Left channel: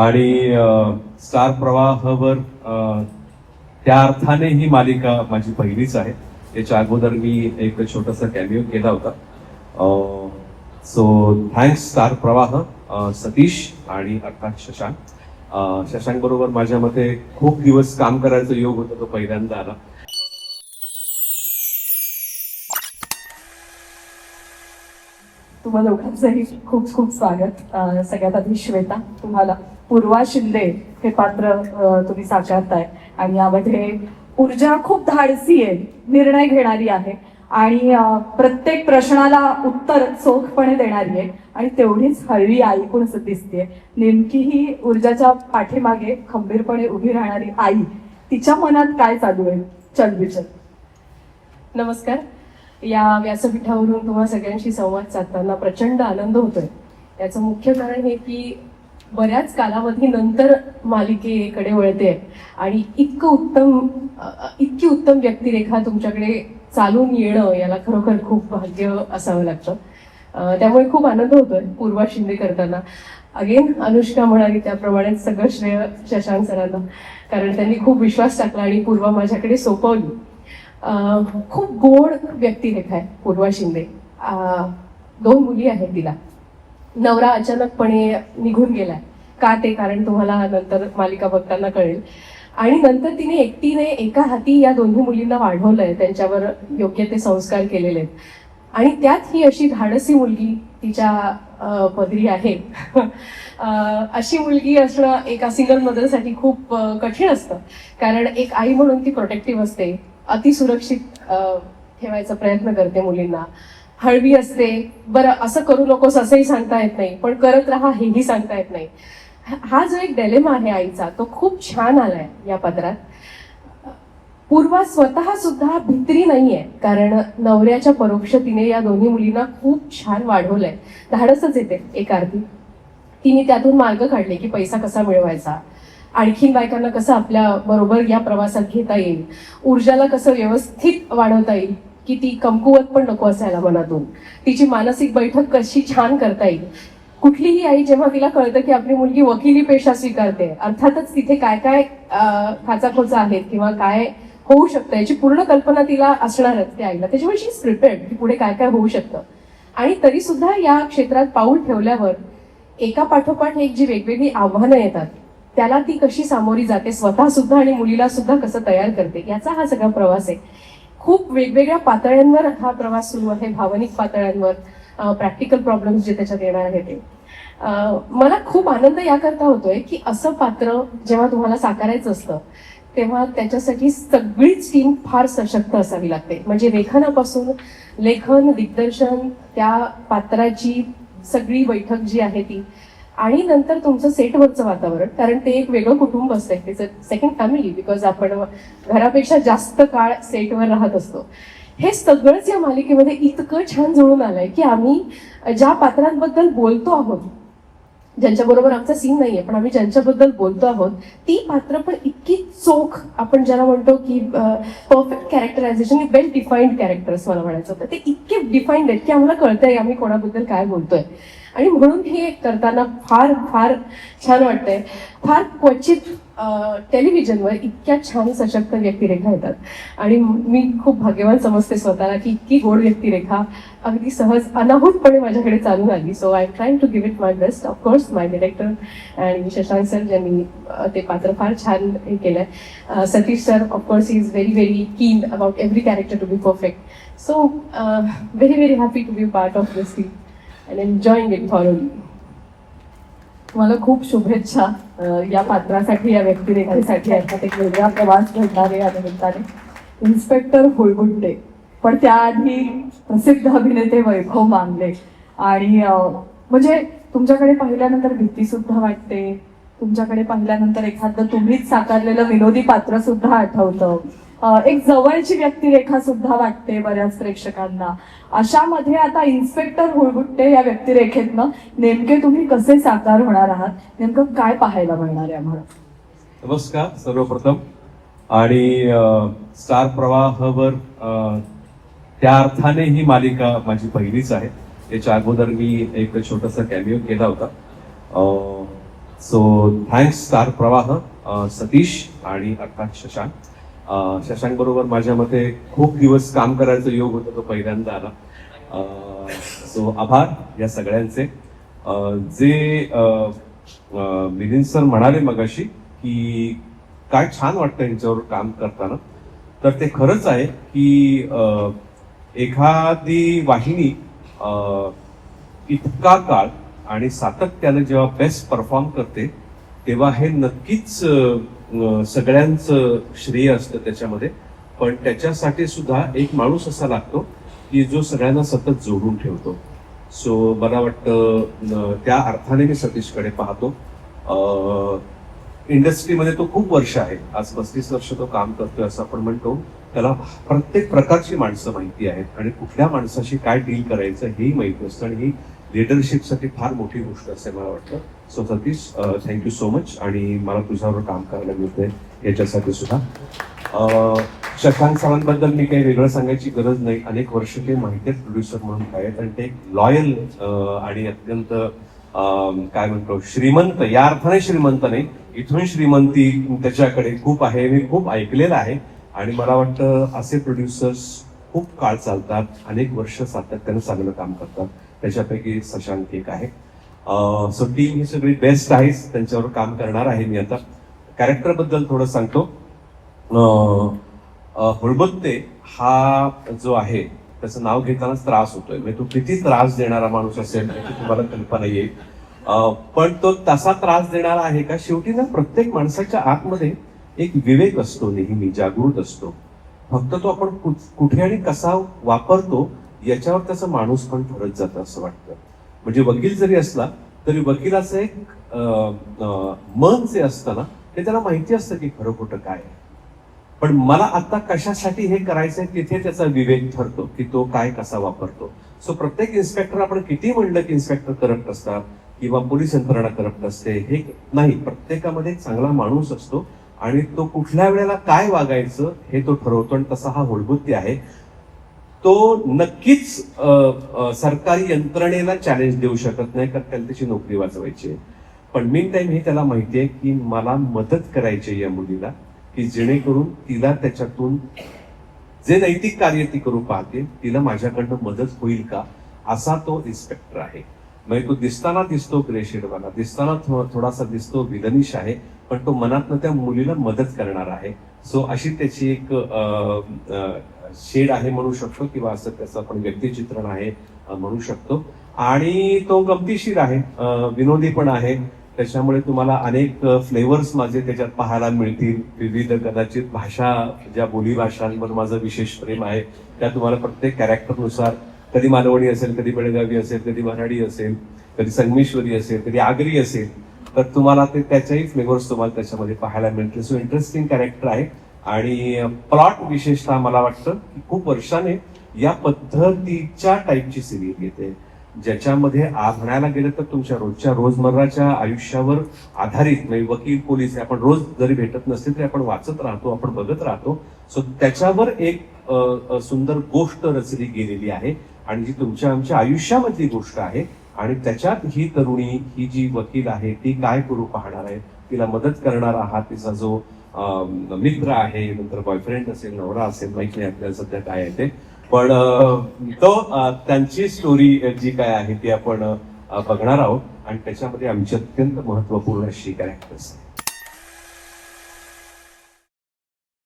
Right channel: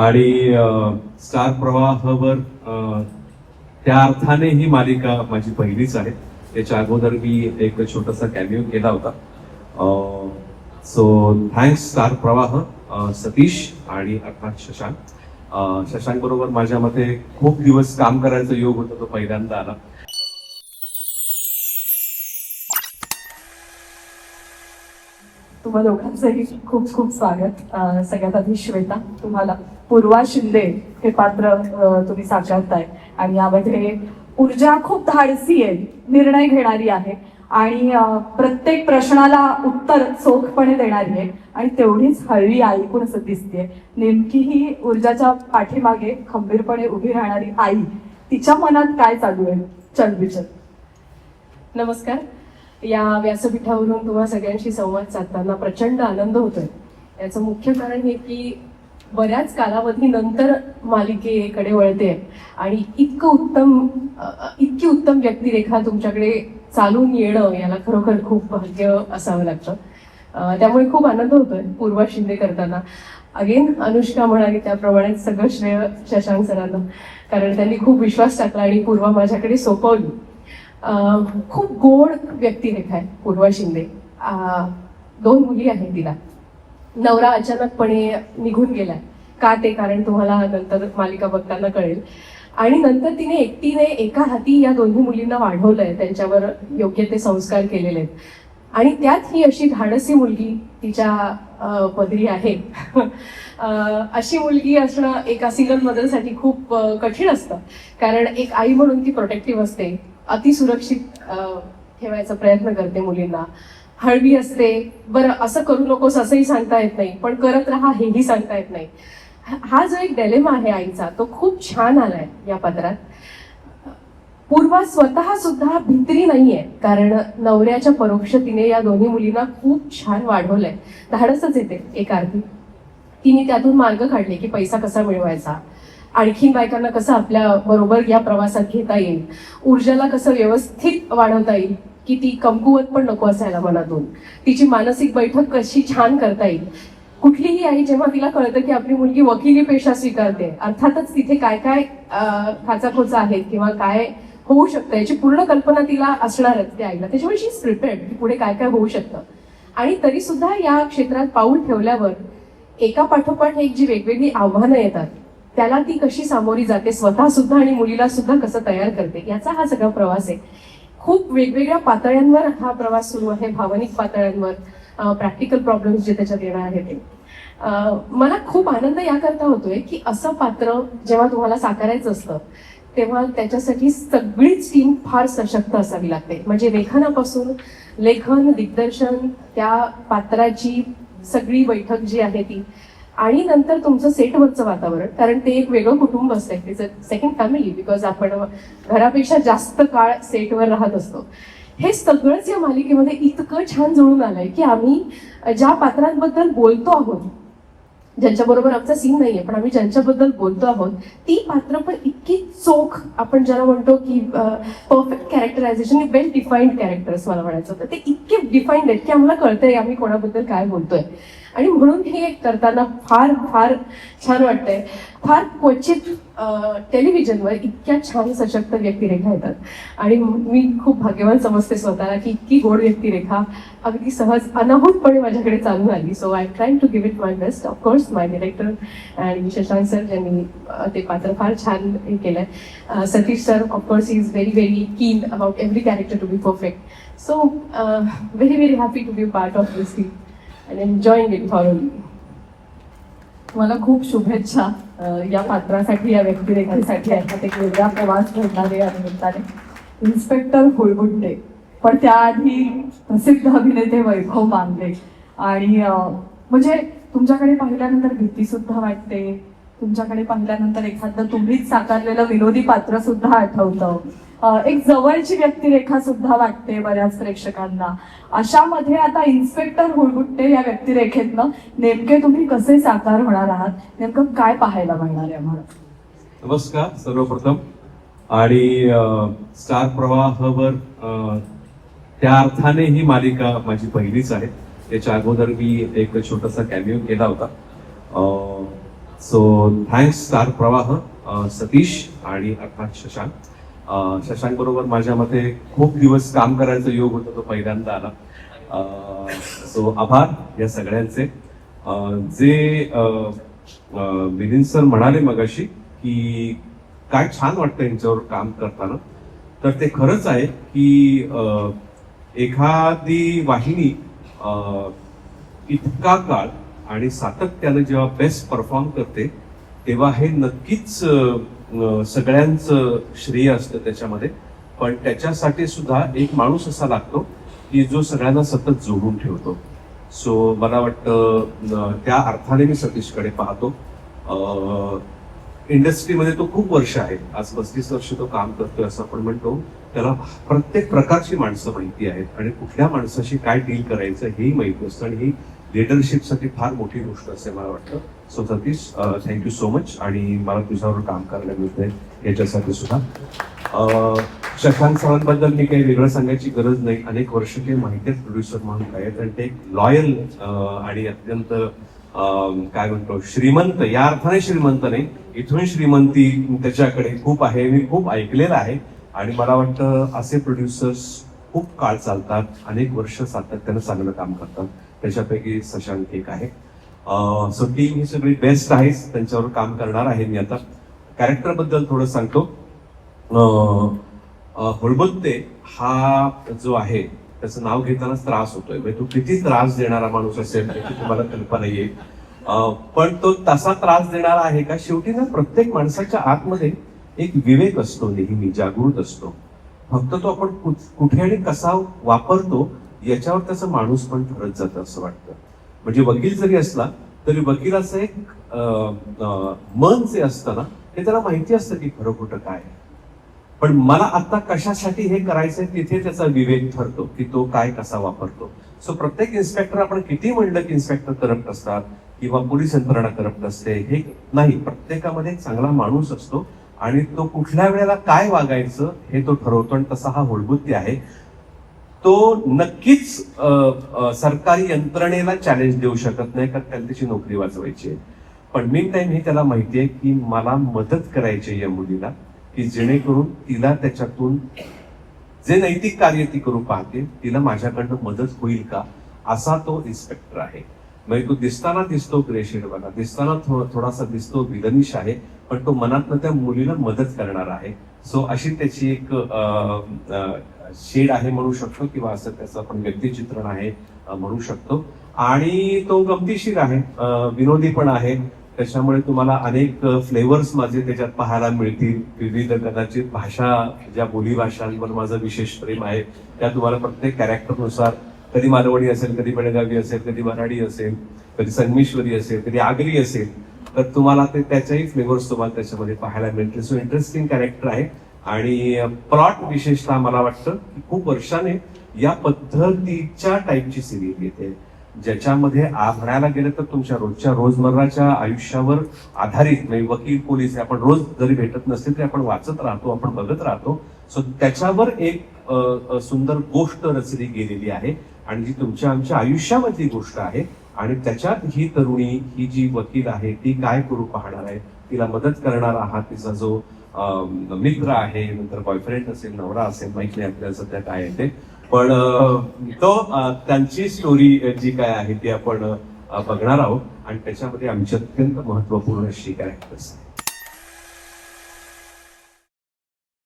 आणि स्टार प्रवाहावर त्या अर्थाने ही मालिका माझी पहिलीच आहे. याच्या अगोदर मी एक छोटासा कॅमिओ केला होता. सो थँक्स स्टार प्रवाह, सतीश आणि अर्थात शशांक. शशांक बरोबर माझ्या मते खूप दिवस काम करायचं योग होतं, तो पहिल्यांदा आला. तुम्हाला दोघांचंही खूप खूप स्वागत. सगळ्यात आधी श्वेता, तुम्हाला पूर्वा शिंदे हे पात्र तुम्ही साकारताय आणि यामध्ये ऊर्जा खूप धाडसी आहे, निर्णय घेणारी आहे आणि प्रत्येक प्रश्नाला उत्तर चोखपणे देणारी आहे आणि तेवढीच हळवी ऐकून असं दिसते. नेमकी ही ऊर्जाच्या पाठीमागे खंबीरपणे उभी राहणारी आई, तिच्या मनात काय चालू आहे? चल विचार. नमस्कार. या व्यासपीठावरून तुम्हा सगळ्यांशी संवाद साधताना प्रचंड आनंद होतोय. याचं मुख्य कारण हे की बऱ्याच कालावधीनंतर मालिकेकडे वळते आणि इतकी उत्तम व्यक्तिरेखा तुमच्याकडे चालून येणं याला खरोखर खूप भाग्य असावं लागतं. त्यामुळे खूप आनंद होतोय पूर्वा शिंदे करताना. अगेन अनुष्का म्हणाली त्याप्रमाणे सगळं श्रेय शशांक सरांना, कारण त्यांनी खूप विश्वास टाकला आणि पूर्वा माझ्याकडे सोपवली. खूप गोड व्यक्तिरेखा आहे पूर्वा शिंदे. 2 मुली आहेत तिला. नवरा अचानकपणे निघून गेलाय. का ते कारण तुम्हाला नंतर मालिका बघताना कळेल. आणि नंतर तिने एकटीने एका हाती या दोन्ही मुलींना वाढवलंय, त्यांच्यावर योग्य ते संस्कार केलेले आहेत. आणि त्यात ही अशी धाडसी मुलगी तिच्या पदरी आहे. अशी मुलगी असणं एका सिंगल मदरसाठी खूप कठीण असतं, कारण एक आई म्हणून ती प्रोटेक्टिव्ह असते, अतिसुरक्षित ठेवायचा प्रयत्न करते मुलींना, हळवी असते. बरं असं करू नकोस असंही सांगता येत नाही, पण करत राहा हेही सांगता येत नाही. हा जो एक डिलेमा आहे आईचा, तो खूप छान आलाय या पत्रात. पूर्वा स्वतः सुद्धा भित्री नाहीये, कारण नवऱ्याच्या परोक्षतेने या दोन्ही मुलींना खूप छान वाढवलंय. धाडसच येते एक अर्थी. तिने त्यातून मार्ग काढले की पैसा कसा मिळवायचा, आणखीन बायकांना कसं आपल्या बरोबर या प्रवासात घेता येईल, ऊर्जाला कसं व्यवस्थित वाढवता येईल की ती कमकुवत पण नको असायला मनातून, तिची मानसिक बैठक कशी छान करता येईल. कुठलीही आई जेव्हा तिला कळतं की आपली मुलगी वकिली पेशा स्वीकारते, अर्थातच तिथे काय काय खाचाखोचा आहेत किंवा काय होऊ शकतं याची पूर्ण कल्पना तिला असणारच त्या आईला. त्याच्यामुळे शी इज प्रिपेअर्ड की पुढे काय काय होऊ शकतं. आणि तरी सुद्धा या क्षेत्रात पाऊल ठेवल्यावर एका पाठोपाठ एक जी वेगवेगळी आव्हानं येतात त्याला ती कशी सामोरी जाते, स्वतः सुद्धा आणि मुलीला सुद्धा कसं तयार करते, याचा हा सगळा प्रवास आहे. खूप वेगवेगळ्या पातळ्यांवर हा प्रवास सुरू आहे, भावनिक पातळ्यांवर, प्रॅक्टिकल प्रॉब्लेम्स जे त्याच्यात येणार आहेत ते. मला खूप आनंद याकरता होतोय की असं पात्र जेव्हा तुम्हाला साकारायचं असतं तेव्हा त्याच्यासाठी सगळीच टीम फार सशक्त असावी लागते. म्हणजे लेखनापासून लेखन, दिग्दर्शन, त्या पात्राची सगळी बैठक जी आहे ती, आणि नंतर तुमचं सेटवरचं वातावरण, कारण ते एक वेगळं कुटुंब असतं, त्याचं सेकंड फॅमिली, बिकॉज आपण घरापेक्षा जास्त काळ सेटवर राहत असतो. हे सगळंच या मालिकेमध्ये इतकं छान जुळून आलंय की आम्ही ज्या पात्रांबद्दल बोलतो आहोत, ज्यांच्याबरोबर आमचा सीन नाहीये, पण आम्ही ज्यांच्याबद्दल बोलतो आहोत ती पात्र पण इतकी चोख, आपण ज्याला म्हणतो की परफेक्ट कॅरेक्टरायझेशन, वेल डिफाईन्ड कॅरेक्टर्स मला म्हणायचं होतं, ते इतके डिफाईन्ड आहेत की आम्हाला कळतंय आम्ही कोणाबद्दल काय बोलतोय. आणि म्हणून हे करताना फार फार छान वाटतंय. फार क्वचित टेलिव्हिजनवर इतक्या छान सशक्त व्यक्तिरेखा येतात आणि मी खूप भाग्यवान समजते स्वतःला की इतकी गोड व्यक्तिरेखा अगदी सहज अनाहूतपणे माझ्याकडे चालू आली. So I am trying to give it my best. Of course my director आणि शशांक सर ज्यांनी ते पात्र फार छान हे केलंय. Satish sir of course he is very very keen about every character to be perfect. So very very happy to be part of this team and enjoying it thoroughly. मला खूप शुभेच्छा या पात्रासाठी, या व्यक्तिरेखेसाठी. आहेत एक वेगळा प्रवास घडणारे या निमित्ताने इन्स्पेक्टर हुळगुंडे, पण त्याआधी प्रसिद्ध अभिनेते वैभव मांगले. आणि म्हणजे तुमच्याकडे पाहिल्यानंतर भीती सुद्धा वाटते, तुमच्याकडे पाहिल्यानंतर एखादं तुम्हीच साकारलेलं विनोदी पात्र सुद्धा आठवतं, एक जवळची व्यक्तिरेखा सुद्धा वाटते बऱ्याच प्रेक्षकांना. अशामध्ये आता इन्स्पेक्टर हुळगुंडे या व्यक्तिरेखेतनं नेमके तुम्ही कसे साकार होणार आहात, नेमकं काय पाहायला मिळणार आहे आम्हाला? नमस्कार सर्वप्रथम. आणि स्टार प्रवाहावर त्या अर्थाने ही मालिका माझी पहिलीच आहे. याच्या अगोदर मी एक छोटासा कॅमिओ केला होता. सो थँक्स स्टार प्रवाह, सतीश आणि अर्थात शशांक. शशांक बरोबर माझ्या मते खूप दिवस काम करायचा योग होता, तो पहिल्यांदा आला. सो आभार या सगळ्यांचे. जे मिलिंद सर म्हणाले मगाशी की काय छान वाटतं यांच्यावर काम करताना, तर ते खरंच आहे की एखादी वाहिनी इतका काळ आणि सातत्याने जेव्हा बेस्ट परफॉर्म करते तेव्हा हे नक्कीच सगळ्यांचं श्रेय असतं त्याच्यामध्ये. पण त्याच्यासाठी सुद्धा एक माणूस असा लागतो की जो सगळ्यांना सतत जोडून ठेवतो. सो मला वाटतं त्या अर्थाने मी सतीशकडे पाहतो. इंडस्ट्रीमध्ये तो खूप वर्ष आहे, आज 35 वर्ष तो काम करतोय असं आपण म्हणतो. त्याला प्रत्येक प्रकारची माणसं माहिती आहेत आणि कुठल्या माणसाशी काय डील करायचं हेही माहिती असतं, आणि ही लिडरशिपसाठी फार मोठी गोष्ट असते मला वाटतं. So Satish, thank you so much, आणि मला तुझ्यावर काम करायला मिळतंय याच्यासाठी सुद्धा. शशांक सरांबद्दल मी काही वेगळं सांगायची गरज नाही. अनेक वर्ष ते माहिती प्रोड्युसर म्हणून आहेत, आणि ते लॉयल आणि अत्यंत काय म्हणतो श्रीमंत, या अर्थाने श्रीमंत नाही, इथून श्रीमंती त्याच्याकडे खूप आहे. मी खूप ऐकलेलं आहे, आणि मला वाटतं असे प्रोड्युसर्स खूप काळ चालतात, अनेक वर्ष सातत्यानं चांगलं काम करतात. त्याच्यापैकी शशांक एक आहे. सो टीम ही सगळी बेस्ट आहे, त्यांच्यावर काम करणार आहे मी आता. कॅरेक्टर बद्दल थोडं सांगतो. हुळबुद्दे हा जो आहे त्याचं नाव घेतानाच त्रास होतोय, म्हणजे तो किती त्रास देणारा माणूस असेल त्याची तुम्हाला कल्पना येईल. पण तो तसा त्रास देणारा आहे का? शेवटी ना प्रत्येक माणसाच्या आतमध्ये एक विवेक असतो, नेहमी जागृत असतो. फक्त तो आपण कुठे आणि कसा वापरतो याच्यावर त्याचा माणूस पण ठरत जातं असं वाटतं. म्हणजे वकील जरी असला तरी वकिलाचं एक मन जे असतं ना, ते त्याला माहिती असतं की खरं खोटं काय आहे. पण मला आता कशासाठी हे करायचंय तिथे त्याचा विवेक ठरतो की तो काय कसा वापरतो. सो प्रत्येक इन्स्पेक्टर, आपण किती म्हणलं की इन्स्पेक्टर करप्ट असतात किंवा पोलीस यंत्रणा करप्ट असते, हे नाही. प्रत्येकामध्ये एक चांगला माणूस असतो आणि तो कुठल्या वेळेला काय वागायचं हे तो ठरवतो, आणि तसा हा हुळबुद्दी आहे. तो नक्कीच सरकारी यंत्रणेला चॅलेंज देऊ शकत नाही, कारण त्याला त्याची नोकरी वाचवायची आहे. पण मीन टाइम हे त्याला माहितीये की मला मदत करायची या मुलीला, की जेणेकरून तिला त्याच्यातून जे नैतिक कार्य ती करू पाहते तिला माझ्याकडनं मदत होईल का, असा तो इन्स्पेक्टर आहे. म्हणजे तो दिसताना दिसतो ग्रेशेड, मला दिसताना थोडासा दिसतो विलनिश आहे, पण तो मनातनं त्या मुलीला मदत करणार आहे. सो अशी त्याची एक शेड आहे म्हणू शकतो, किंवा असं त्याचं आपण व्यक्तिचित्रण आहे म्हणू शकतो. आणि तो गमतीशीर आहे, विनोदी पण आहे. त्याच्यामुळे तुम्हाला अनेक फ्लेवर्स माझे त्याच्यात पाहायला मिळतील. विविध कदाचित भाषा, ज्या बोली भाषांवर माझं विशेष प्रेम आहे त्या तुम्हाला प्रत्येक कॅरेक्टरनुसार, कधी मालवणी असेल, कधी बेळगावी असेल, कधी मराठी असेल, कधी संगमेश्वरी असेल, कधी आगरी असेल, तर तुम्हाला ते त्याचेही फ्लेवर्स तुम्हाला त्याच्यामध्ये पाहायला मिळतील. सो इंटरेस्टिंग कॅरेक्टर आहे. आणि प्लॉट विशेषतः मला वाटतं की खूप वर्षाने या पद्धतीच्या टाईपची सिरीज येते, ज्याच्यामध्ये म्हणायला गेलं तर तुमच्या रोजमर्राच्या आयुष्यावर आधारित, म्हणजे वकील पोलीस आपण रोज जरी भेटत नसतील तरी आपण वाचत राहतो, आपण बघत राहतो. सो त्याच्यावर एक सुंदर गोष्ट रचली गेलेली आहे, आणि जी तुमच्या आमच्या आयुष्यामधली गोष्ट आहे. आणि त्याच्यात ही तरुणी, ही जी वकील आहे ती काय करू पाहणार आहे, तिला मदत करणारा हा तिचा जो मित्र आहे, नंतर बॉयफ्रेंड असेल, नवरा असेल, माहित नाही आपल्याला सध्या काय आहे ते. पण तो त्यांची स्टोरी जी काय आहे ती आपण बघणार आहोत, आणि त्याच्यामध्ये आमची अत्यंत महत्वपूर्ण अशी कॅरेक्टर्स